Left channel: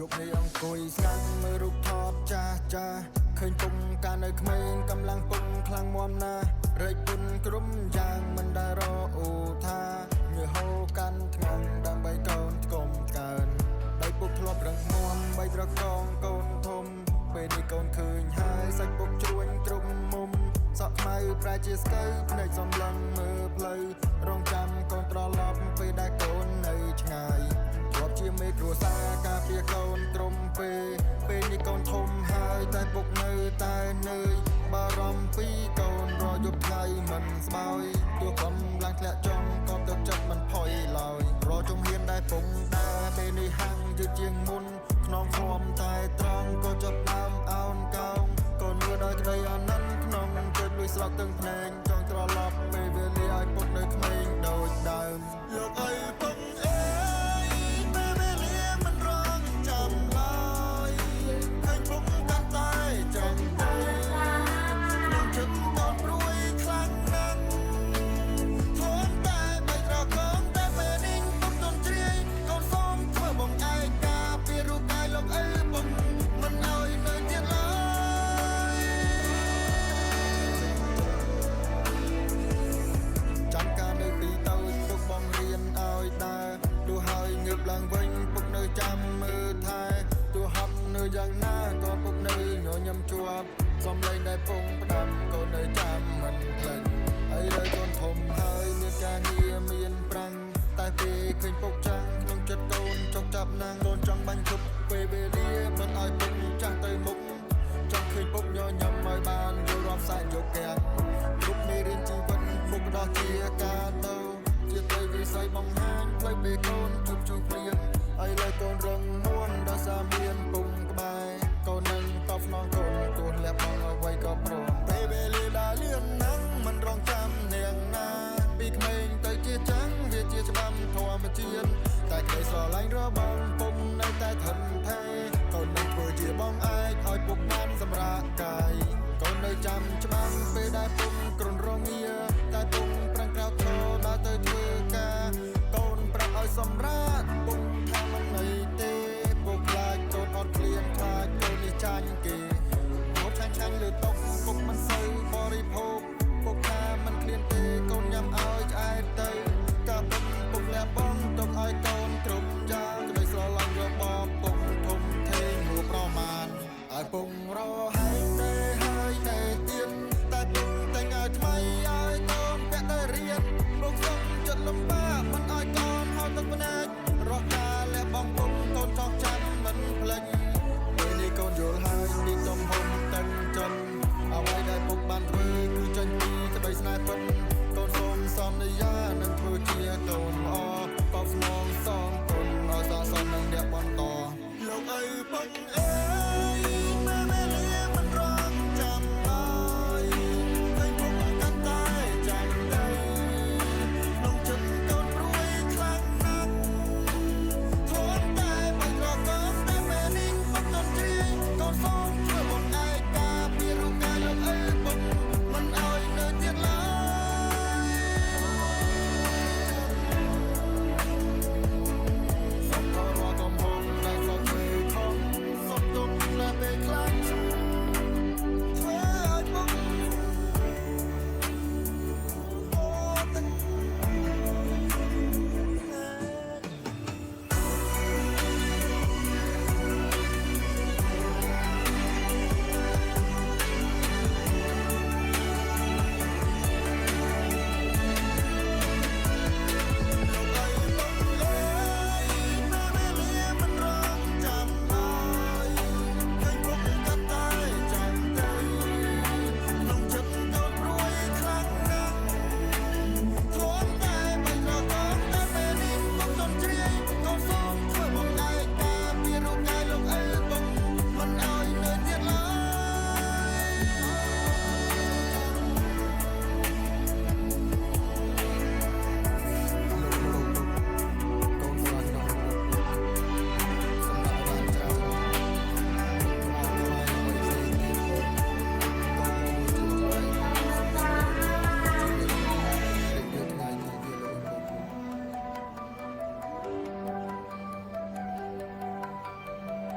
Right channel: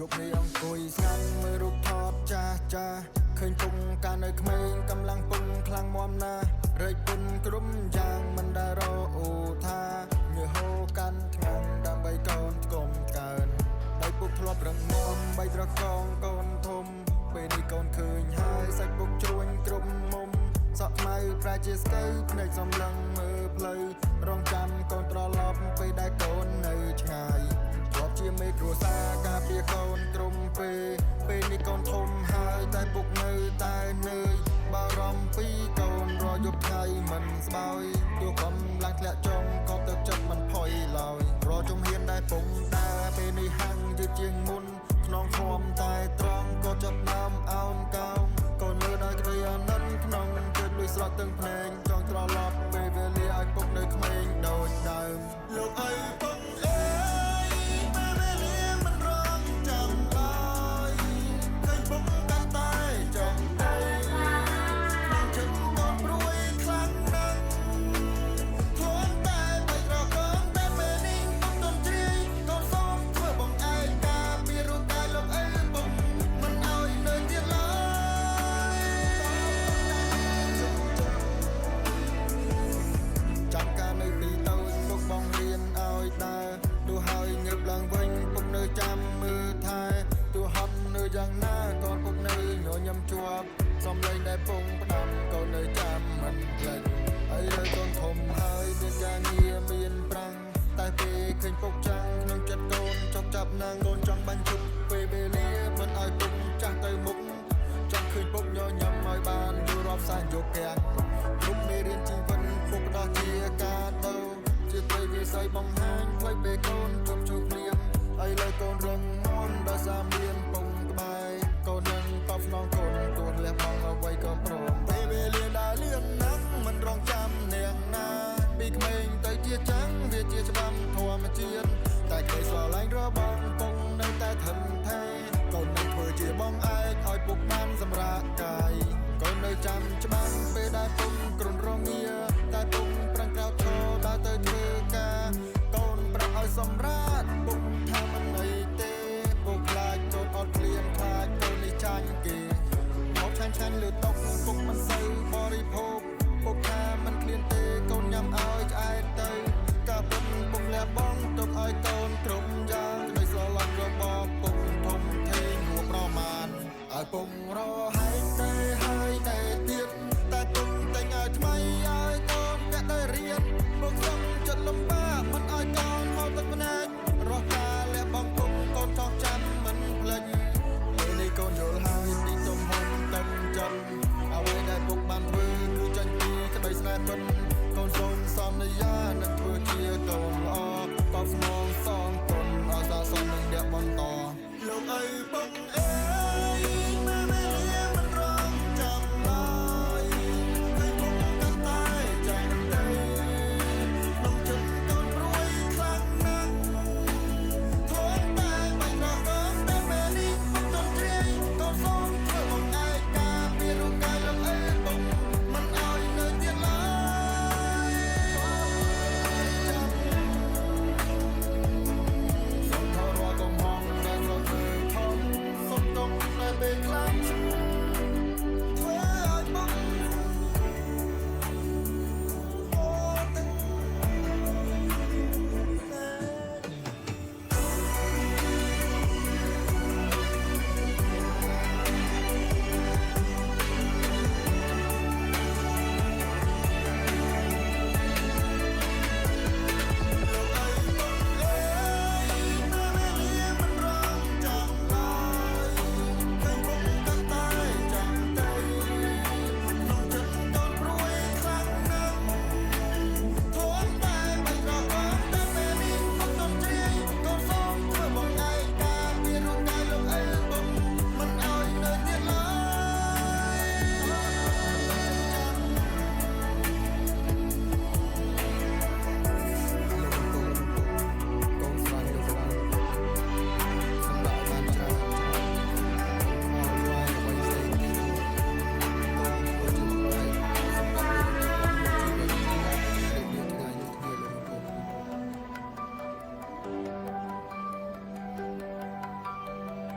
ยกในអង្គុយស្ងាត់មើលរូបថតចាស់ចាស់ឃើញពុំកាលនៅក្មេងកំឡុងពុំខ្លាំងមាំណាស់រែកពុនក្រុមយ៉ាងមិនដែលរអូថាញើហូកាន់ថ្ងៃដើម្បីកូនថ្គុំថ្កើនដៃពុកធ្លាប់រឹងមាំបីត្រកងកូនធំពេលនេះកូនឃើញហើយសាច់ពុកជ្រួញគ្រប់មុំសក់ខ្មៅប្រែជាស្កើភ្នែកសំឡឹងមើលផ្លូវរងចាំកូនត្រឡប់ពេលដែលកូននៅឆ្ងាយធ្លាប់ជាមេគ្រួសារការពារកូនក្រុមពេលនេះកូនធំហើយតែពុកនៅតែនឿយបារម្ភពីកូនរាល់យប់ថ្ងៃមិនស្បើយទោះកំឡាំងធ្លាក់ចង់ក៏ទឹកចិត្តមិនផុយឡើយរកជំហានដែលពុងដើរពេលនេះហាំងយឺតជាងមុនខ្នងឃ្លាំតែត្រង់ក៏ចាប់ដើមអោនកោងកូនមើលដោយក្តីអាណិនក្នុងចិត្តលួចស្រក់ទាំងភ្នែកចង់ត្រឡប់ពេលវេលាឲ្យពុកនៅក្មេងដូចដើមលោកអើយពុកអើយពេលវេលាមិនរងចាំឡើយឃើញពុកកាន់តែចាំងទៅក្នុងចិត្តកូនព្រួយខ្លាំងណាស់ធំតែបីត្រកងតែពេលនេះពុកទន់ជ្រាយកូនសូមធ្វើបងឯកាពីរូបកាយលោកអើយពុកមិនឲ្យនៅទៀតឡើយចាំការនៅពីតូចពុកបងរៀនឲ្យដើរទោះហើយងើបឡើងវិញពុកនៅចាំមើលថែទោះហត់នៅយ៉ាងណាកូនពុកនៅញញឹមជាប់សំឡេងដែលពងផ្ដាំកូននៅចាំមិនភ្លេចឥឡូវកូនធំហើយមានការងារមានប្រាំងតែពេលឃើញពុកចាំងក្នុងចិត្តកូនចុកចាប់ណាំងកូនចង់បាញ់ឈប់ពេលវេលាមិនឲ្យពុកចាស់ទៅមុខចង់ឃើញពុកញញឹមឲ្យបានយល់រាប់សែនយកកាំងគ្រប់មេរៀនជីវិតពុកផ្ដោះជាការដូរជាត្រីវិស័យបង្ហាញផ្លូវពេលកូនជួបជួបភ្លៀងឥឡូវកូនរឹងមាំដោយសារមានពុំក្បែរកូននឹងតបស្នងកូនទោះលះបង់អ្វីក៏ព្រមពេលវេលាដើរលឿនណាស់មិនរងចាំនាងណាពីក្មេងទៅជាចាំងវាជាច្បាំធម្មជាតិតែក្តីស្រឡាញ់របស់ពុកនៅតែធន់ថេរកូននឹងធ្វើជាបងឯកឲ្យពុកបានសម្រាកកាយកូននៅចាំច្បាំងពេលដែលពុកគ្រុនរងាតែពុកប្រឹងក្រោកឈរដើរទៅធ្វើការកូនប្រាប់ឲ្យសម្រាកពុកថាមិនអីទេពុកខ្លាចកូនអត់ឃ្លានខ្លាចកូននេះចាញ់គេហូបឆ្ងាញ់លើតុពុកមិនសូវបរិភោគពុកថាមិនឃ្លានទេកូនញ៉ាំឲ្យឆ្អែតទៅការពិតពុកលះបង់ទុកឲ្យកូនគ្រប់យ៉ាងក្តីស្រឡាញ់របស់ពុកធំធេងហួសប្រមាណឲ្យពុករហែកតែហើយតែទៀតតែពុកតែងឲ្យថ្មីឲ្យកូនពាក់តែរៀនពុកសឹងចិត្តលំបាកមិនឲ្យកូនហត់ទឹកភ្នែករស់ការលះបង់ពុកកូនចង់ចាំមិនភ្លេចពេលនេះកូនយល់ហើយពីទំហំតឹងចិនអ្វីដែលពុកបានធ្វើគឺចាញ់ពីក្តីស្នេហ៍ពិតកូនសូមសន្យានឹងធ្វើជាកូនល្អតបស្នងសងគុណឲ្យស័ក្តិសមនឹងអ្នកបន្តលោកអើយពុកអើយពេលវេលាមិនរងចាំឡើយឃើញពុកកាន់តែចាំងទៅក្នុងចិត្តកូនព្រួយខ្លាំងណាស់ធ្លាប់តែបីត្រកងតែពេលនេះពុកទន់ជ្រាយកូនសូមធ្វើបងឯកាពីរូបកាយលោកអើយពុកមិនឲ្យនៅទៀតឡើយសូមថយរាល់កំហុសដែលធ្លាប់ធ្វើខុសសូមទង់ដែលពេលខ្លាំងធ្វើឲ្យពុកថ្ងៃទីវាលោកឪពុក អ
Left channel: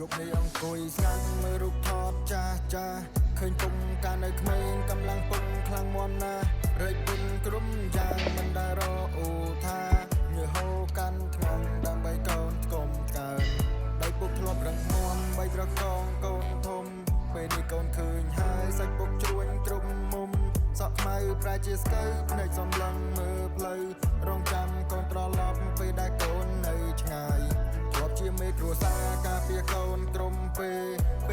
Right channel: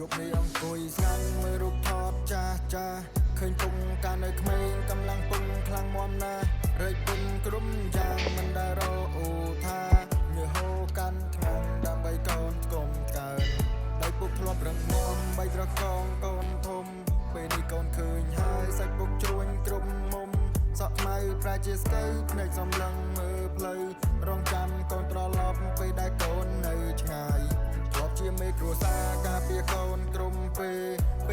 យប់នេះអង្គុយស្ងាត់មើលរូបថតចាស់ចាស់ឃើញពុំកាលនៅក្មេងកំឡុងពុំខ្លាំងមាំណាស់រែកពុនក្រុមយ៉ាងមិនដែលរអូថាញើហូកាន់ថ្ងៃដើម្បីកូនស្គមកើនដៃពុកធ្លាប់រឹងមាំបីត្រកងកូនធំពេលនេះកូនឃើញហើយសាច់ពុកជ្រួញគ្រប់មុំសក់ខ្មៅប្រែជាស្កើភ្នែកសំឡឹងមើលផ្លូវរងចាំកូនត្រឡប់ពេលដែលកូននៅឆ្ងាយធ្លាប់ជាមេគ្រួសារការពារកូនក្រុមពេ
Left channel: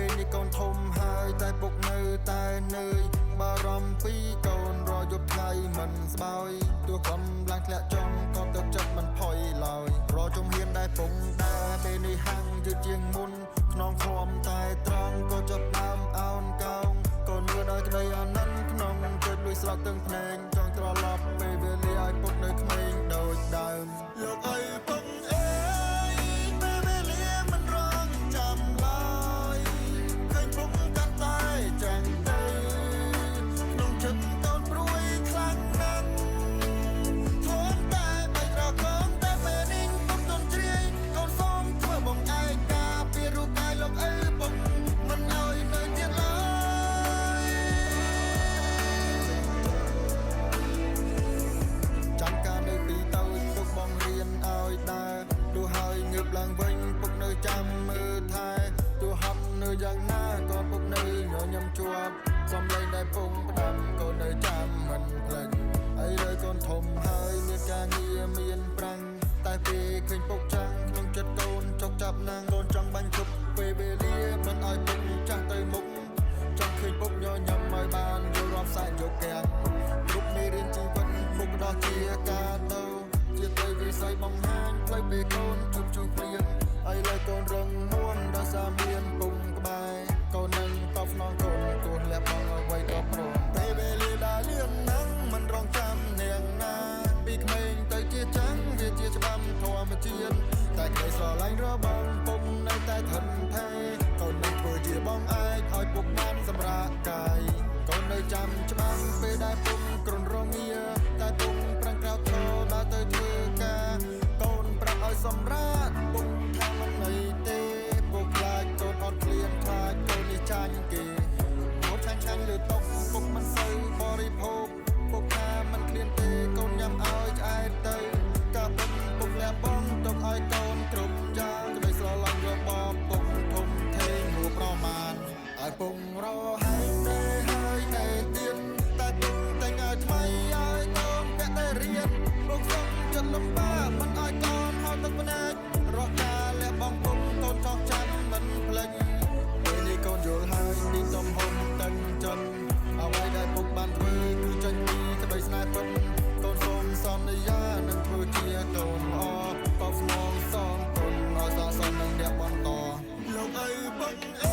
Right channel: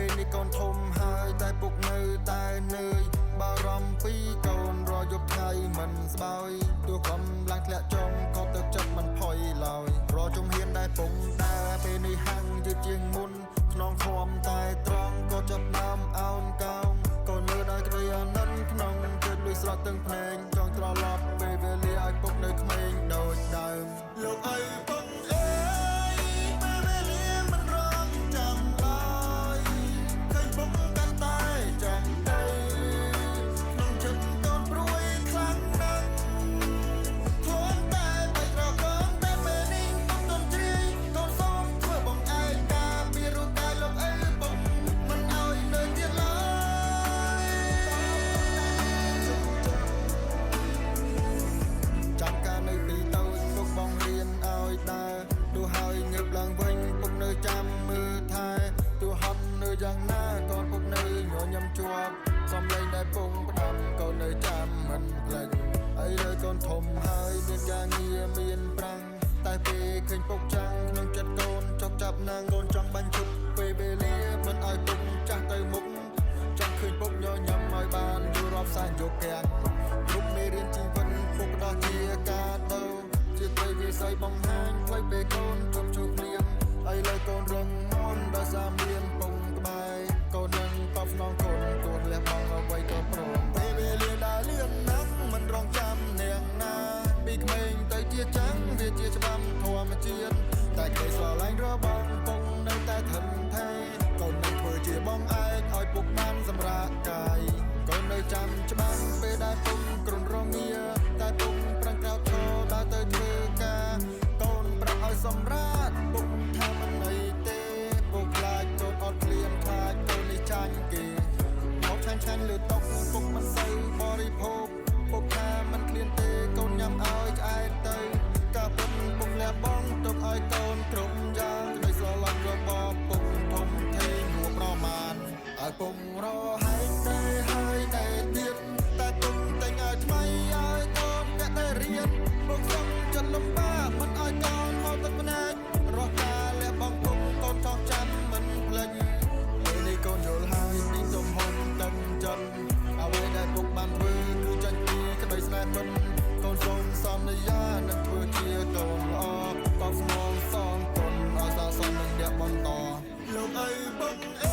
លនេះកូនធំហើយតែពុកនៅតែនឿយបារម្ភពីកូនរាល់យប់ថ្ងៃមិនស្បើយទោះកំឡាំងធ្លាក់ចុងក៏ទឹកចិត្តមិនផុយឡើយរាល់ជំហានដែលពុងដើរពេលនេះហាំងយឺតជាងមុនខ្នងឃ្លាំតែត្រង់ក៏ចាប់ដើមអោនកោងកូនមើលដោយក្តីអាណិនក្នុងចិត្តលួចស្រក់ទាំងភ្នែកចង់ត្រឡប់ពេលវេលាឲ្យពុកនៅក្មេងដូចដើមលោកអើយពុកអើយពេលវេលាមិនរងចាំឡើយឃើញពុកកាន់តែចាំងទៅក្នុងចិត្តកូនព្រួយខ្លាំងណាស់ធំតែបីត្រកងតែពេលនេះពុកទន់ជ្រាយកូនសូមធ្វើបងឯកាពីរូបកាយលោកអើយពុកមិនឲ្យនៅទៀតឡើយចាំការនៅពីតូចពុកបងរៀនឲ្យដើរទោះហើយងើបឡើងវិញពុកនៅចាំមើលថែទោះហត់នៅយ៉ាងណាក៏ពុកនៅញញឹមជាប់សំឡេងដែលពងផ្ដាំកូននៅចាំមិនភ្លេចអីលើកូនធំហើយមានការងារមានប្រាំងតែពេលឃើញពុកចាំងក្នុងចិត្តកូនចុកចាប់ណាំងកូនចង់បាញ់ឈប់ពេលវេលាមិនឲ្យពុកចាស់ទៅមុខចង់ឃើញពុកញញឹមឲ្យបានយល់រាប់សែនយកកាំងគ្រប់មេរៀនជីវិតពុកផ្ដោះជាកាដូជាត្រីវិស័យបង្ហាញផ្លូវពេលកូនជប់ជួភ្លៀងឲ្យលើកូនរឹងមាំដោយសារមានពុំក្បែរកូននឹងតបស្នងកូនទោះលះបង់អ្វីក៏ព្រមពេលវេលាដើរលឿនណាស់មិនរងចាំនាងណាពីក្មេងទៅជាចាំងវាជាច្បាំធម្មជាតិតែក្តីស្រឡាញ់របស់ពុកនៅតែថិនថេរកូននឹងធ្វើជាបងឯកឲ្យពុកបានសម្រាកកាយកូននៅចាំច្បាំងពេលដែលពុកគ្រុនរងាតែពុកប្រឹងក្រោកឈរដើរទៅធ្វើការកូនប្រាប់ឲ្យសម្រាកពុកថាមិនអីទេពុកខ្លាចកូនអត់ឃ្លានខ្លាចកូននេះចាញ់គេហូបឆាញ់លើតុពុកមិនសូវបរិភោគពុកថាមិនឃ្លានទេកូនញ៉ាំឲ្យឆ្អែតទៅការពិតពុកលះបង់ទុកឲ្យកូនគ្រប់យ៉ាងក្តីស្រឡាញ់របស់ពុកធំធេងហួសប្រមាណឲ្យពុករហែកតែហើយតែទៀតតែពុកតែញឲ្យថ្មីឲ្យកូនពាក់តែរៀនពុកសឹងចិត្តលំបាកមិនឲ្យកូនហត់ទឹកភ្នែករស់ការលះបង់ពុកកូនចង់ចាំមិនភ្លេចពេលនេះកូនយល់ហើយពីទំហំតឹងចិនអ្វីដែលពុកបានធ្វើគឺចាញ់ពីក្តីស្នេហ៍ពិតកូនសូមសន្យានឹងធ្វើជាកូនល្អតបស្នងសងគុណឲ្យសាសននឹងអ្នកបន្តលោកអើយពុកអើ